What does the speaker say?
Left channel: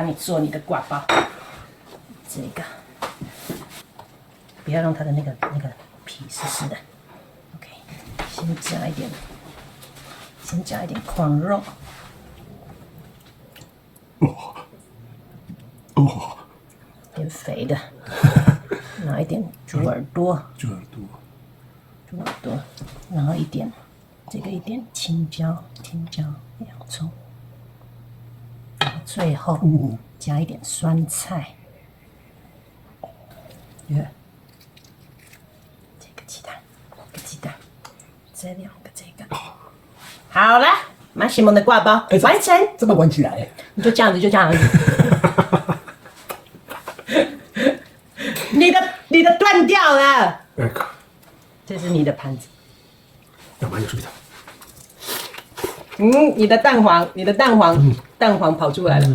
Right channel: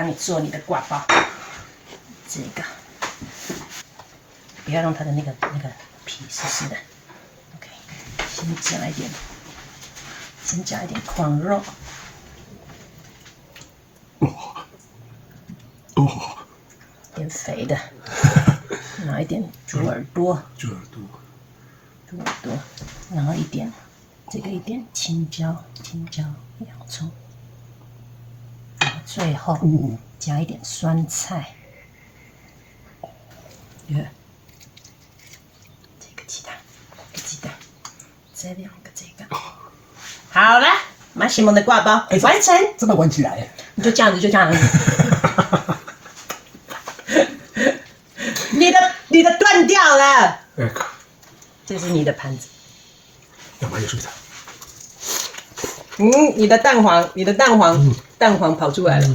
帮你做你的挂包。这个不要让它的那个皮湿湿的。OK， 先加一点狂肉。点肥的，拿一点猪耳朵，然后一点青椒、洋葱，最后加一点酸菜，这个鸡蛋，这2个这个，好了，马西蒙的挂包完成，这么玩起来，就这样子。你的断掉了。这是你的盘子。要买有水的。你的蛋黄跑出来了。